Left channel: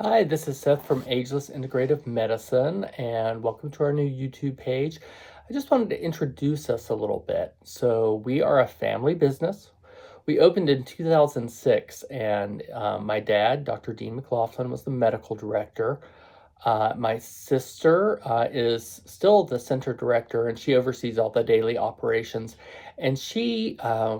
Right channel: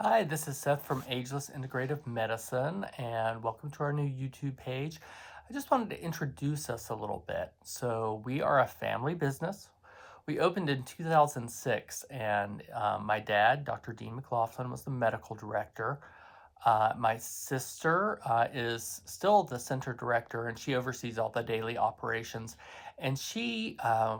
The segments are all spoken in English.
Hi, this is Seth from Ageless Integrative Medicine, and welcome to our new YouTube page. I just wanted to introduce us a little bit. So, we are a family business. We opened in 2006, and my dad, Dr. Dean McLaughlin, was the medical director. My sister is still the center director, and she oversees all the daily operations. And she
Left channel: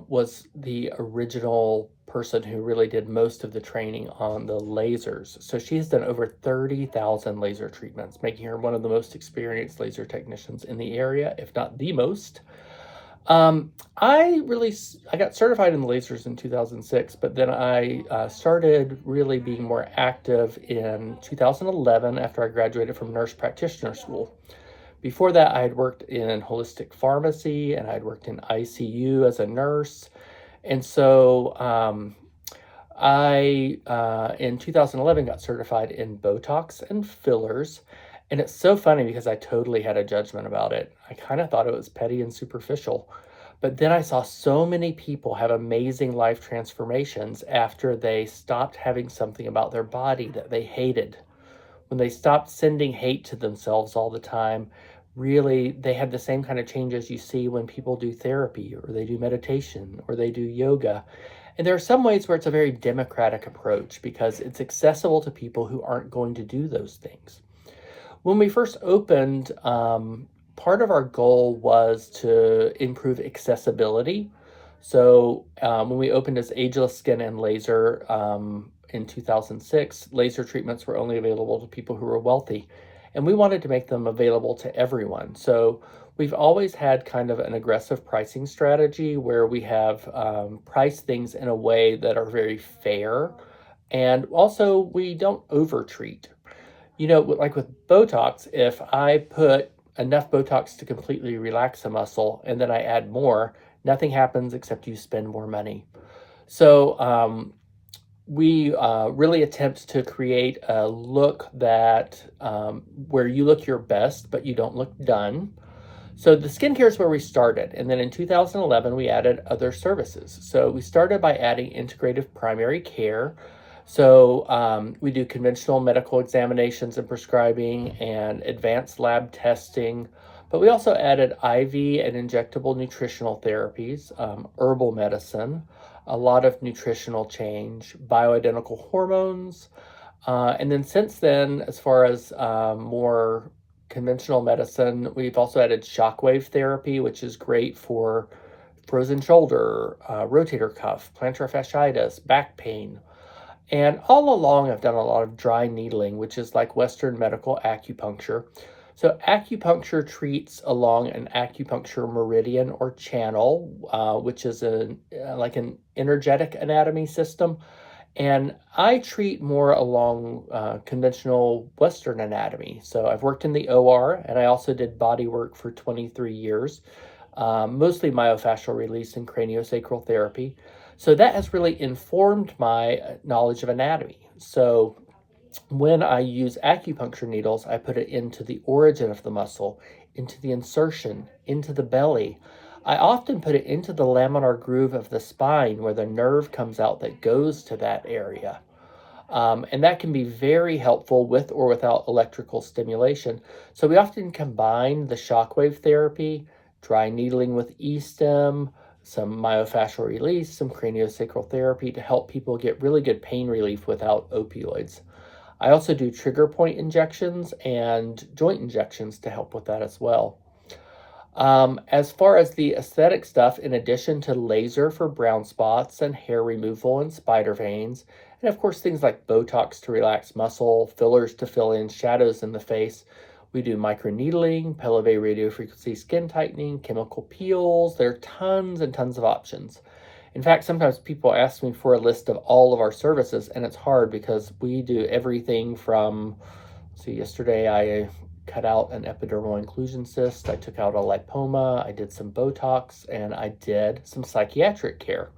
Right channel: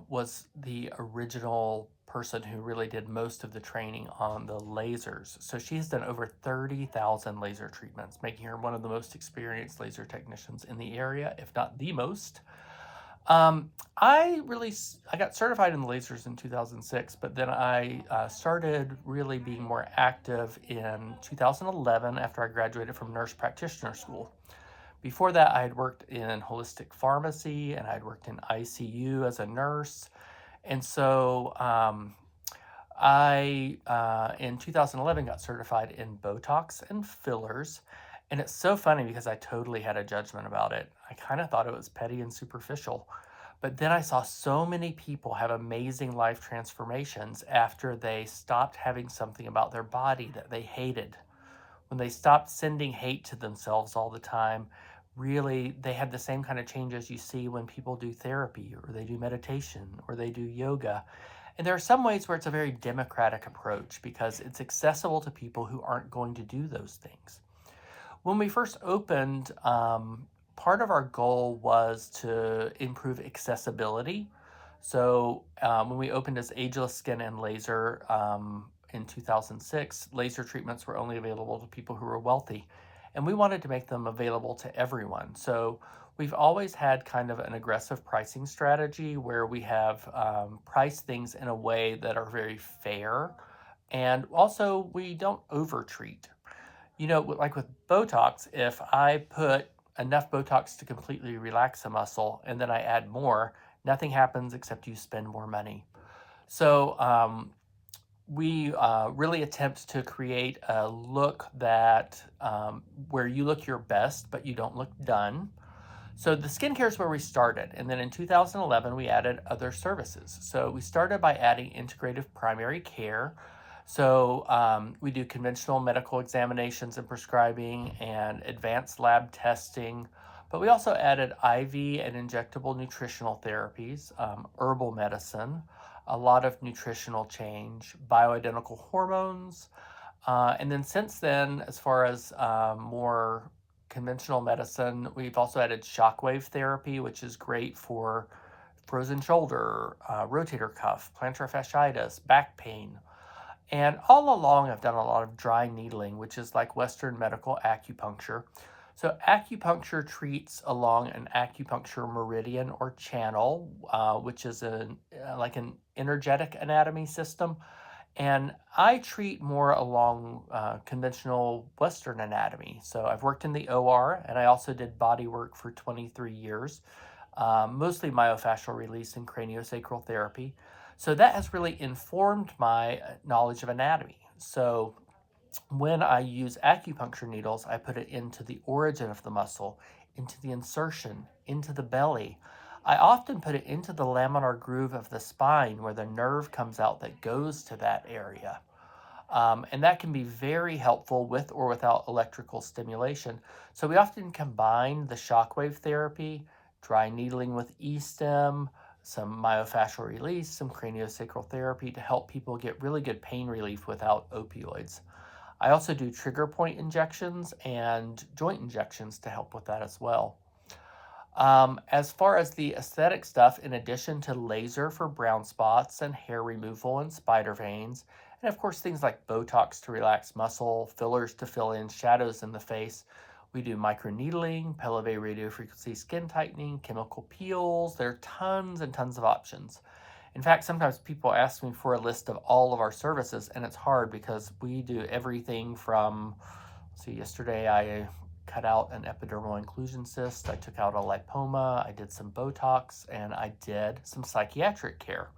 was the original person who really did most of the training on the lasers. So she's done over 30,000 laser treatments, making her one of the most experienced laser technicians in the area, if not the most. I got certified in lasers in 2006, but then I started really being more active in 2011 after I graduated from nurse practitioner school. Before that, I had worked in holistic pharmacy and I'd worked in ICU as a nurse. And so I in 2011, got certified in Botox and fillers. And it's so funny because I totally had a judgment about it. I kind of thought it was petty and superficial. But then I saw so many people have amazing life transformations after they stopped having something about their body that they hated. When they stopped sending hate to themselves all the time, really, they had the same kind of changes you see when people do therapy or they do meditation or they do yoga. And there are some ways where it's a very democratic approach because it's accessible to people who aren't going to do those things. When we first opened, part of our goal was to improve accessibility. So when we opened as Ageless Skin and Laser in 2006, laser treatments were only available to people who were wealthy. And we wanted to make them available to everyone. So we've always had kind of an aggressive pricing strategy where we have priced things in a way that are very fair. And also, we don't overtreat. Like with Botox, if I put enough Botox to completely relax a muscle and then I add more, nothing happens except you spend more money. So we really attempt to create a look that where you look your best, but you don't look done. So the skincare is where we started. And then in 2011, we added other services. So we started by adding integrative primary care. So we do conventional medical examinations and prescribing and advanced lab testing. But we also added IV and injectable nutritional therapies, herbal medicine, a lot of nutritional change, bioidentical hormones. And then since then, as far as more conventional medicine, we've also added shockwave therapy, which is great for frozen shoulder, rotator cuff, plantar fasciitis, back pain. And all along, I've done a lot of dry needling, which is like Western medical acupuncture. So, acupuncture treats along an acupuncture meridian or channel, which is like an energetic anatomy system. And I treat more along conventional Western anatomy. So I've worked in the OR and I also did body work for 23 years, mostly myofascial release and craniosacral therapy. So that has really informed my knowledge of anatomy. So when I use acupuncture needles, I put it into the origin of the muscle, into the insertion, into the belly. I often put it into the laminar groove of the spine where the nerve comes out that goes to that area. And that can be very helpful with or without electrical stimulation. So we often combine the shockwave therapy, dry needling with e-stim, some myofascial release, some craniosacral therapy to help people get really good pain relief without opioids. I also do trigger point injections and joint injections to help with that as well. As far as the aesthetic stuff, in addition to laser for brown spots and hair removal and spider veins, and of course things like Botox to relax muscle, fillers to fill in shadows in the face, we do microneedling, Pelvic radiofrequency skin tightening, chemical peels. There are tons and tons of options. In fact, sometimes people ask me for a list of all of our services, and it's hard because we do everything from, see, yesterday I cut out an epidermal inclusion cyst, I took out a lipoma, I did some Botox, and I did some psychiatric care.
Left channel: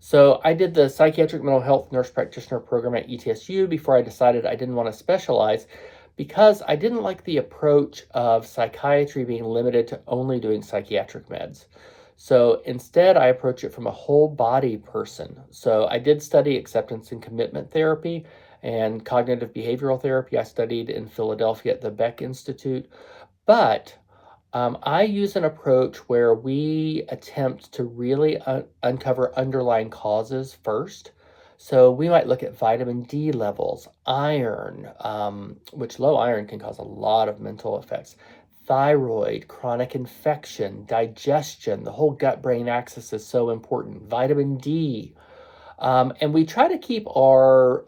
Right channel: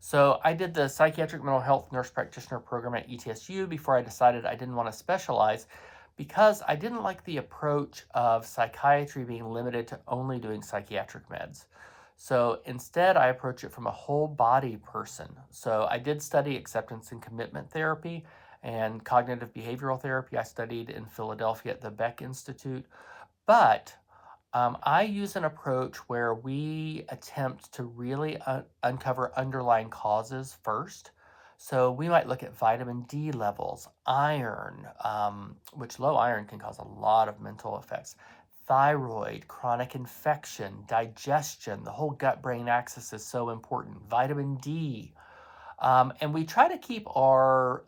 So I did the psychiatric mental health nurse practitioner program at ETSU before I decided I didn't want to specialize because I didn't like the approach of psychiatry being limited to only doing psychiatric meds. So instead, I approach it from a whole body person. So I did study acceptance and commitment therapy, And cognitive behavioral therapy, I studied in Philadelphia at the Beck Institute. But I use an approach where we attempt to really uncover underlying causes first. So we might look at vitamin D levels, iron, which low iron can cause a lot of mental effects, thyroid, chronic infection, digestion. The whole gut brain axis is so important. Vitamin D. And we try to keep our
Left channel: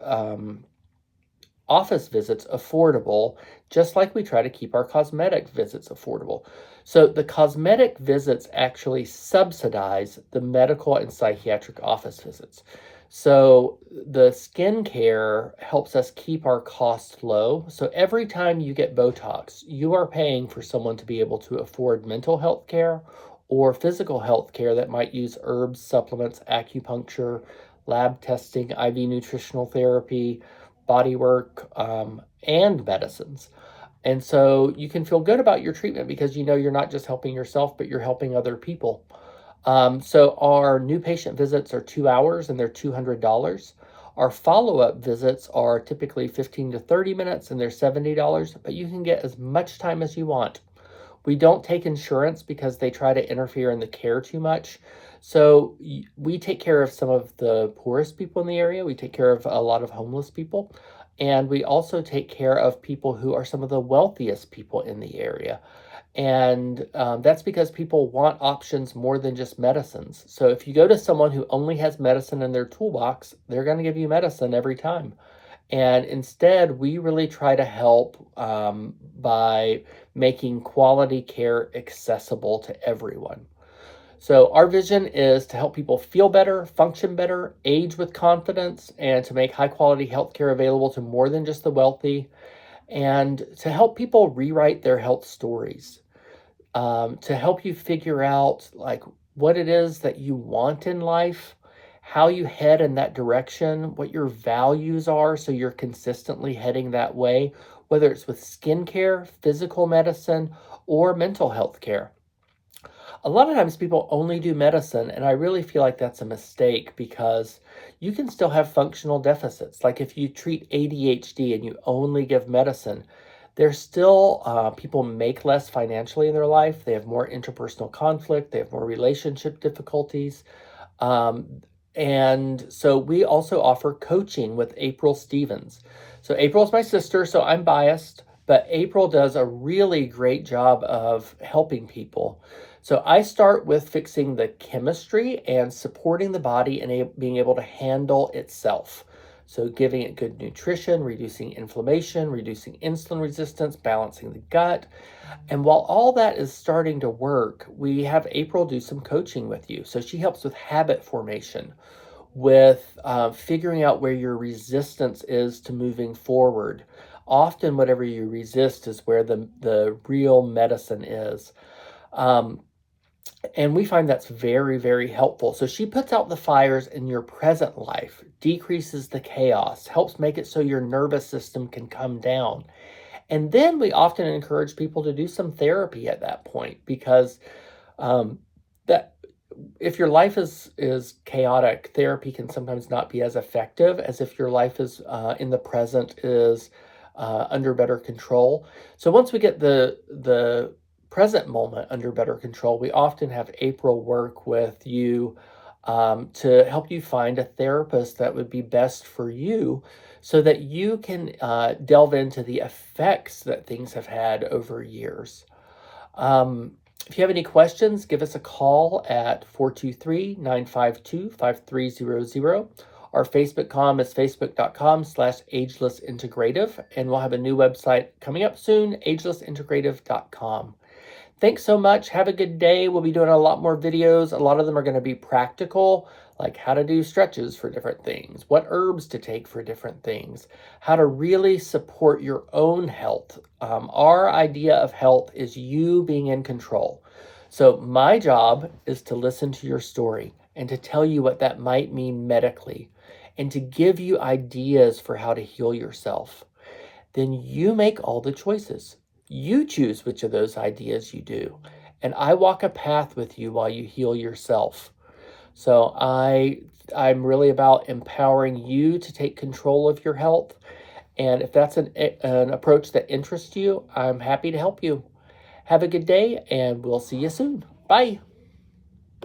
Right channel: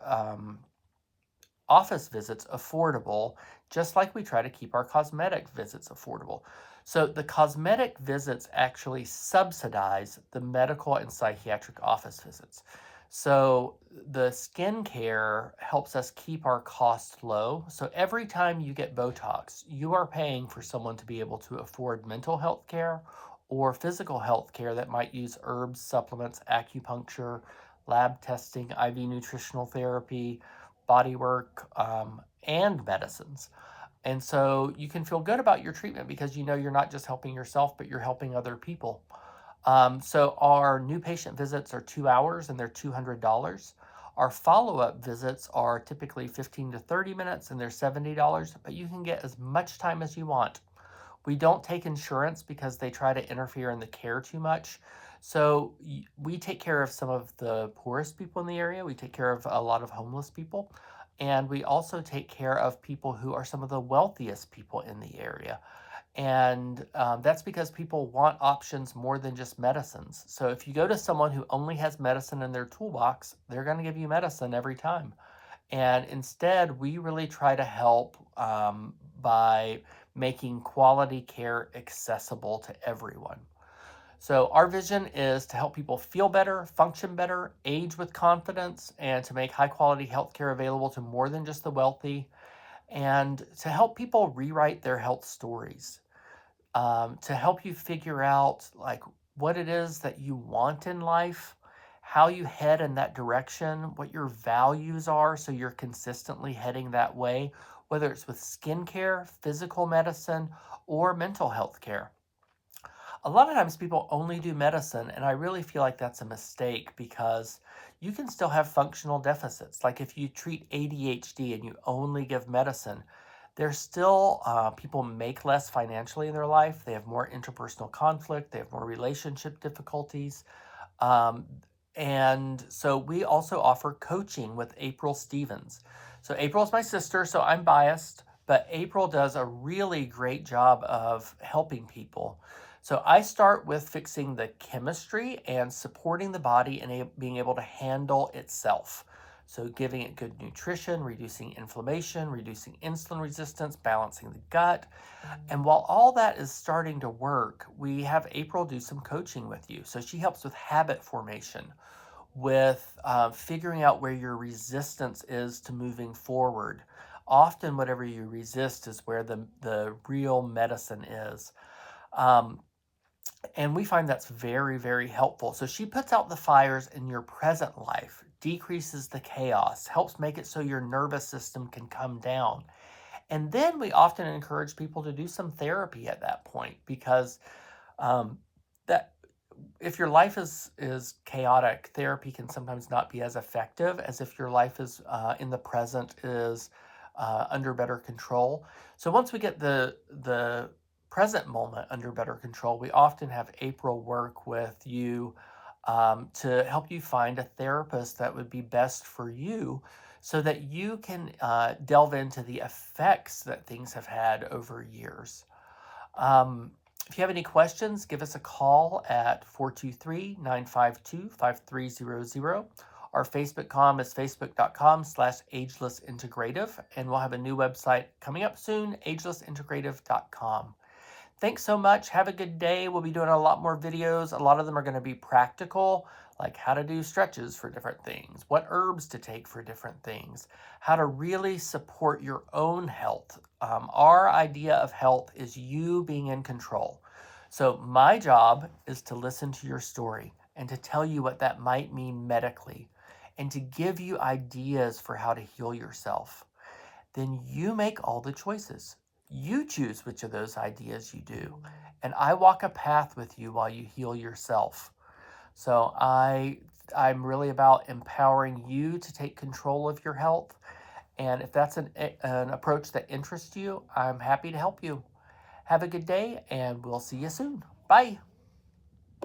office visits affordable, just like we try to keep our cosmetic visits affordable. So the cosmetic visits actually subsidize the medical and psychiatric office visits. So the skincare helps us keep our costs low. So every time you get Botox, you are paying for someone to be able to afford mental health care or physical health care that might use herbs, supplements, acupuncture, lab testing, IV nutritional therapy, body work, and medicines. And so you can feel good about your treatment because you know you're not just helping yourself, but you're helping other people. So our new patient visits are 2 hours and they're $200. Our follow-up visits are typically 15 to 30 minutes and they're $70, but you can get as much time as you want. We don't take insurance because they try to interfere in the care too much. So we take care of some of the poorest people in the area. We take care of a lot of homeless people. And we also take care of people who are some of the wealthiest people in the area. And that's because people want options more than just medicines. So if you go to someone who only has medicine in their toolbox, they're going to give you medicine every time. And instead, we really try to help by making quality care accessible to everyone. So, our vision is to help people feel better, function better, age with confidence, and to make high quality healthcare available to more than just the wealthy, and to help people rewrite their health stories, to help you figure out like what it is that you want in life, how you head in that direction, what your values are, so you're consistently heading that way, whether it's with skincare, physical medicine, or mental health care. A lot of times people only do medicine, and I really feel like that's a mistake because you can still have functional deficits. Like if you treat ADHD and you only give medicine, there's still people make less financially in their life. They have more interpersonal conflict. They have more relationship difficulties. And so we also offer coaching with April Stevens. So April is my sister, so I'm biased, but April does a really great job of helping people. So I start with fixing the chemistry and supporting the body and being able to handle itself. So giving it good nutrition, reducing inflammation, reducing insulin resistance, balancing the gut. And while all that is starting to work, we have April do some coaching with you. So she helps with habit formation, with figuring out where your resistance is to moving forward. Often, whatever you resist is where the real medicine is. Um, and we find that's very, very helpful. So she puts out the fires in your present life, decreases the chaos, helps make it so your nervous system can come down. And then we often encourage people to do some therapy at that point because um, that if your life is chaotic, therapy can sometimes not be as effective as if your life is in the present is under better control. So once we get the present moment under better control, we often have April work with you to help you find a therapist that would be best for you so that you can delve into the effects that things have had over years. Um, if you have any questions, give us a call at 423-952-5300. Our Facebook com is facebook.com/agelessintegrative, and we'll have a new website coming up soon, agelessintegrative.com. Thanks so much. Have a good day. We'll be doing a lot more videos. A lot of them are going to be practical, like how to do stretches for different things, what herbs to take for different things, how to really support your own health. Our idea of health is you being in control. So my job is to listen to your story and to tell you what that might mean medically and to give you ideas for how to heal yourself. Then you make all the choices. You choose which of those ideas you do. And I walk a path with you while you heal yourself. So I'm really about empowering you to take control of your health. And if that's an approach that interests you, I'm happy to help you. Have a good day, and we'll see you soon. Bye.